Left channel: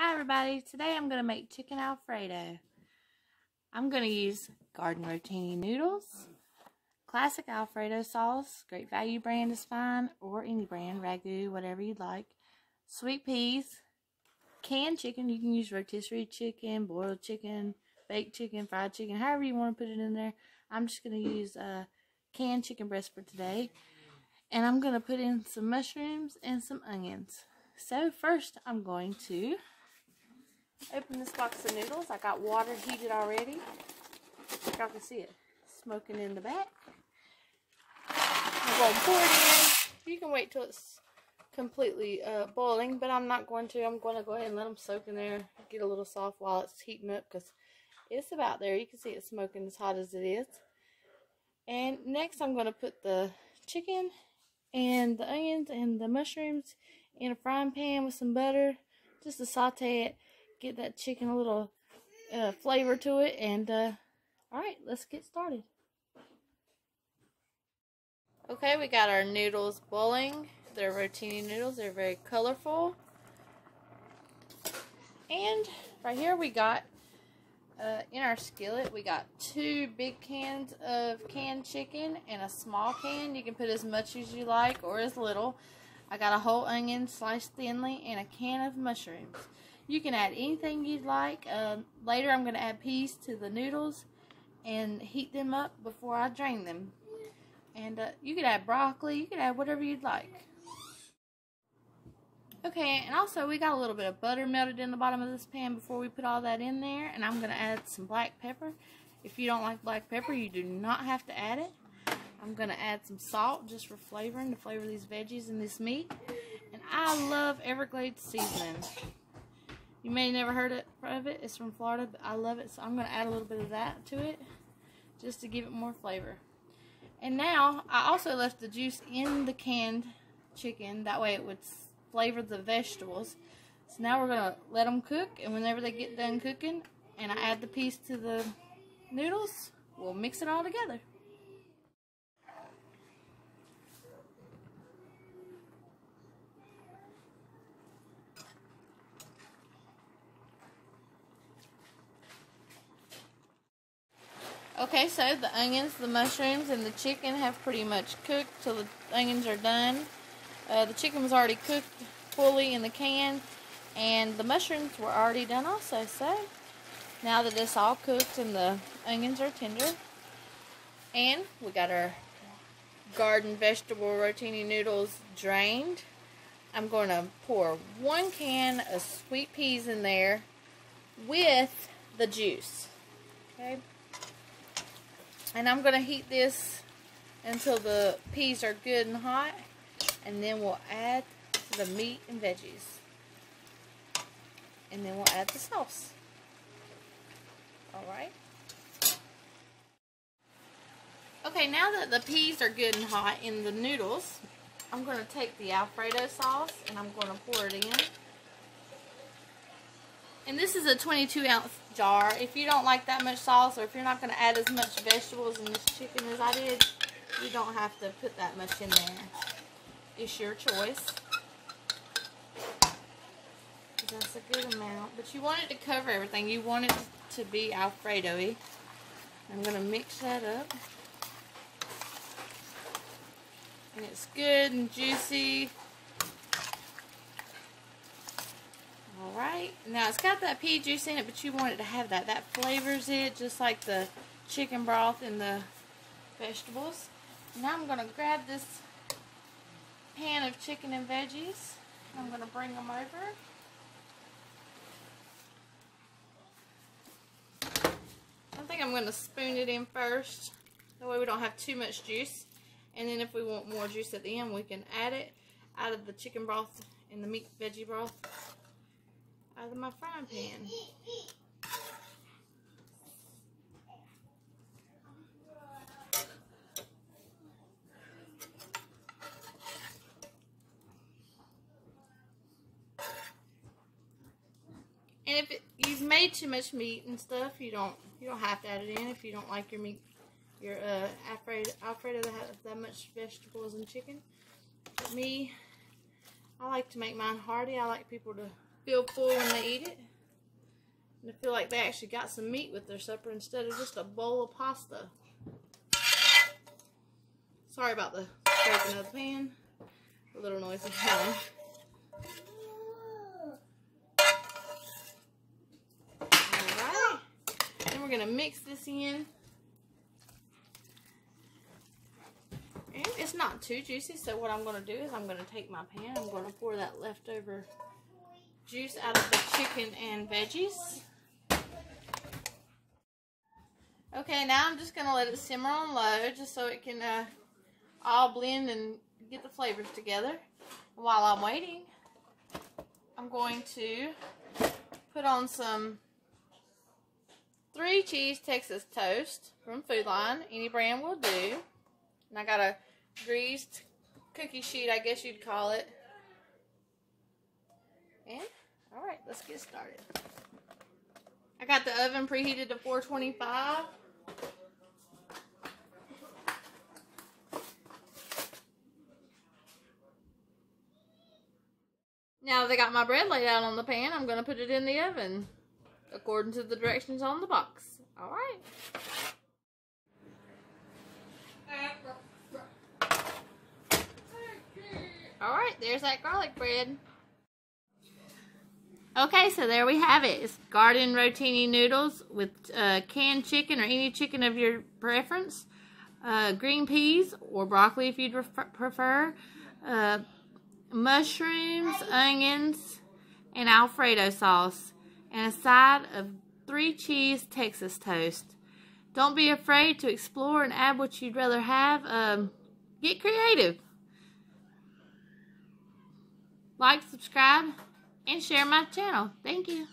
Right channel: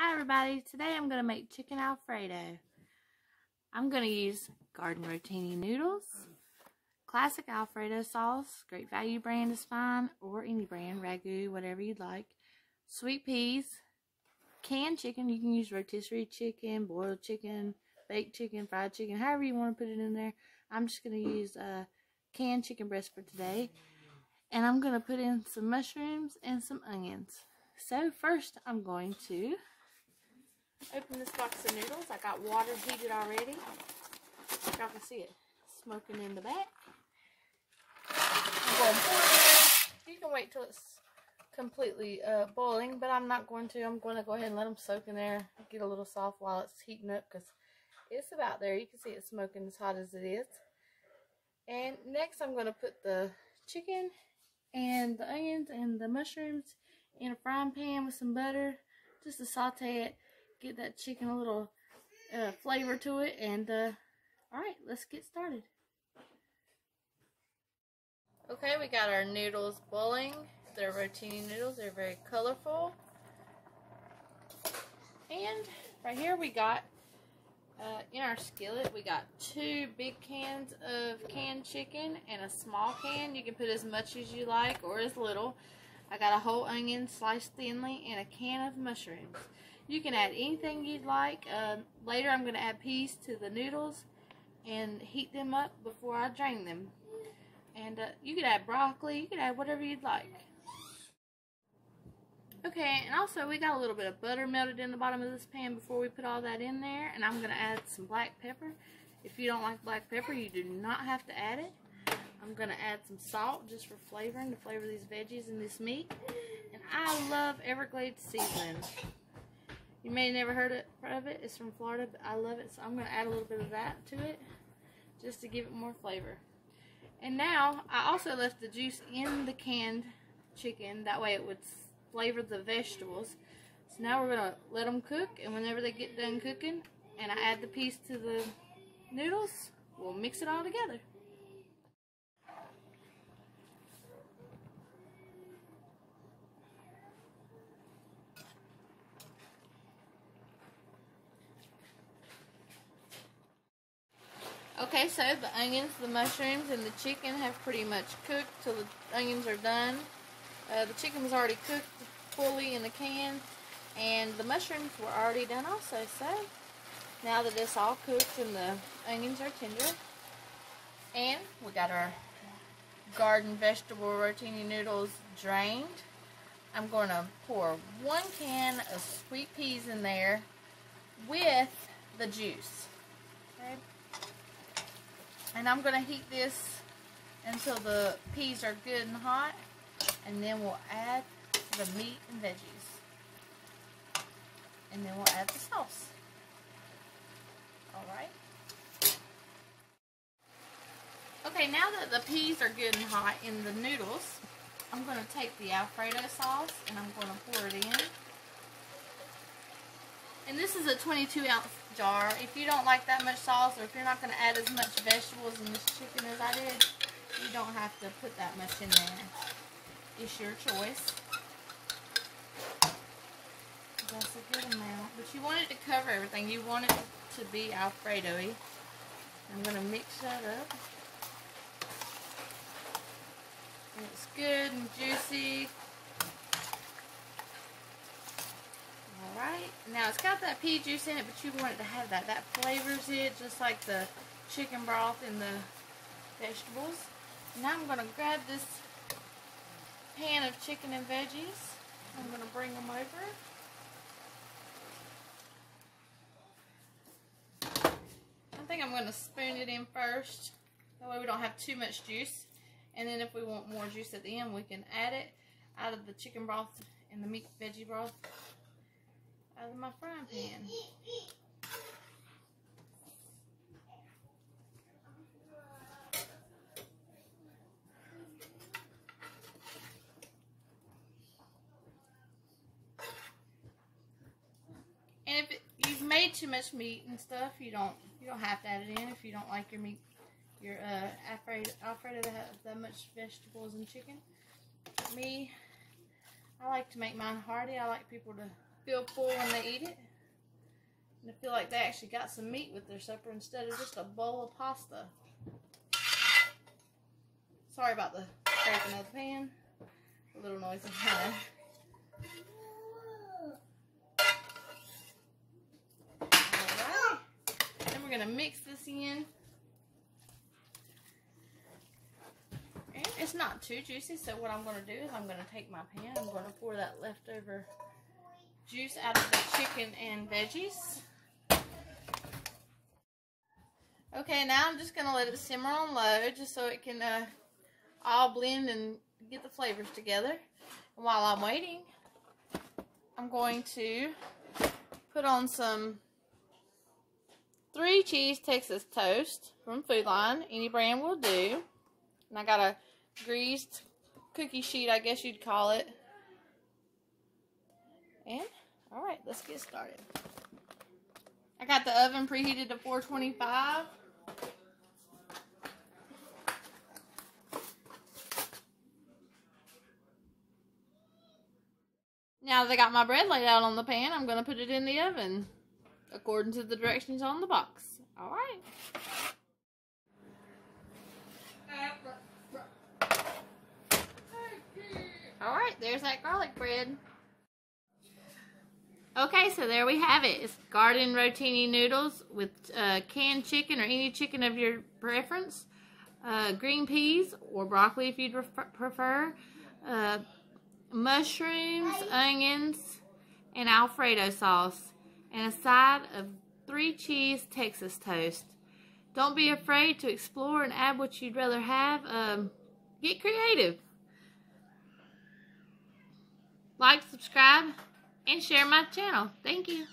Hi everybody, today I'm going to make chicken Alfredo. I'm going to use Garden Rotini noodles, classic Alfredo sauce, Great Value brand is fine, or any brand, ragu, whatever you'd like, sweet peas, canned chicken, you can use rotisserie chicken, boiled chicken, baked chicken, fried chicken, however you want to put it in there. I'm just going to use canned chicken breast for today, and I'm going to put in some mushrooms and some onions. So first I'm going to open this box of noodles. I got water heated already. Y'all can see it smoking in the back. I'm going to pour it in. You can wait till it's completely boiling, but I'm not going to. I'm going to go ahead and let them soak in there, get a little soft while it's heating up, because it's about there. You can see it smoking as hot as it is. And next I'm going to put the chicken and the onions and the mushrooms in a frying pan with some butter, just to saute it. Get that chicken a little flavor to it, and alright, let's get started. Okay, we got our noodles boiling. They're Rotini noodles, they're very colorful. And right here we got, in our skillet, we got 2 big cans of canned chicken and a small can. You can put as much as you like or as little. I got a whole onion sliced thinly and a can of mushrooms. You can add anything you'd like. Later I'm going to add peas to the noodles and heat them up before I drain them. And you can add broccoli, you can add whatever you'd like. Okay, and also we got a little bit of butter melted in the bottom of this pan before we put all that in there. And I'm going to add some black pepper. If you don't like black pepper, you do not have to add it. I'm going to add some salt just for flavoring, to flavor these veggies and this meat. And I love Everglades seasoning. You may have never heard of it. It's from Florida, but I love it. So I'm going to add a little bit of that to it just to give it more flavor. And now, I also left the juice in the canned chicken. That way it would flavor the vegetables. So now we're going to let them cook. And whenever they get done cooking and I add the peas to the noodles, we'll mix it all together. Okay, so the onions, the mushrooms, and the chicken have pretty much cooked till the onions are done. The chicken was already cooked fully in the can, and the mushrooms were already done also. So now that it's all cooked and the onions are tender, and we got our garden vegetable rotini noodles drained, I'm going to pour 1 can of sweet peas in there with the juice. Okay. And I'm going to heat this until the peas are good and hot, and then we'll add the meat and veggies. And then we'll add the sauce. Alright. Okay, now that the peas are good and hot in the noodles, I'm going to take the Alfredo sauce and I'm going to pour it in. And this is a 22-ounce jar. If you don't like that much sauce, or if you're not going to add as much vegetables in this chicken as I did, you don't have to put that much in there. It's your choice. That's a good amount. But you want it to cover everything. You want it to be Alfredo-y. I'm going to mix that up. And it's good and juicy. Alright, now it's got that pea juice in it, but you want it to have that. That flavors it just like the chicken broth and the vegetables. Now I'm going to grab this pan of chicken and veggies. I'm going to bring them over. I think I'm going to spoon it in first. That way we don't have too much juice. And then if we want more juice at the end, we can add it out of the chicken broth and the meat veggie broth out of my frying pan. And if you've made too much meat and stuff, you don't have to add it in if you don't like your meat, your Alfredo to have that much vegetables and chicken. Me, I like to make mine hearty. I like people to feel full when they eat it. And I feel like they actually got some meat with their supper instead of just a bowl of pasta. Sorry about the scraping of the pan. A little noisy. Alright. Then we're going to mix this in. And it's not too juicy, so what I'm going to do is I'm going to take my pan. I'm going to pour that leftover juice out of the chicken and veggies. Okay, now I'm just going to let it simmer on low just so it can all blend and get the flavors together. And while I'm waiting, I'm going to put on some 3 cheese Texas toast from Food Line. Any brand will do. And I got a greased cookie sheet, I guess you'd call it. And, alright, let's get started. I got the oven preheated to 425. Now that I got my bread laid out on the pan, I'm going to put it in the oven according to the directions on the box. Alright. Alright, there's that garlic bread. Okay, so there we have it. It's Garden Rotini noodles with canned chicken or any chicken of your preference. Green peas or broccoli if you'd prefer. Mushrooms, onions, and Alfredo sauce. And a side of 3 cheese Texas toast. Don't be afraid to explore and add what you'd rather have. Get creative. Like, subscribe, and share my channel. Thank you.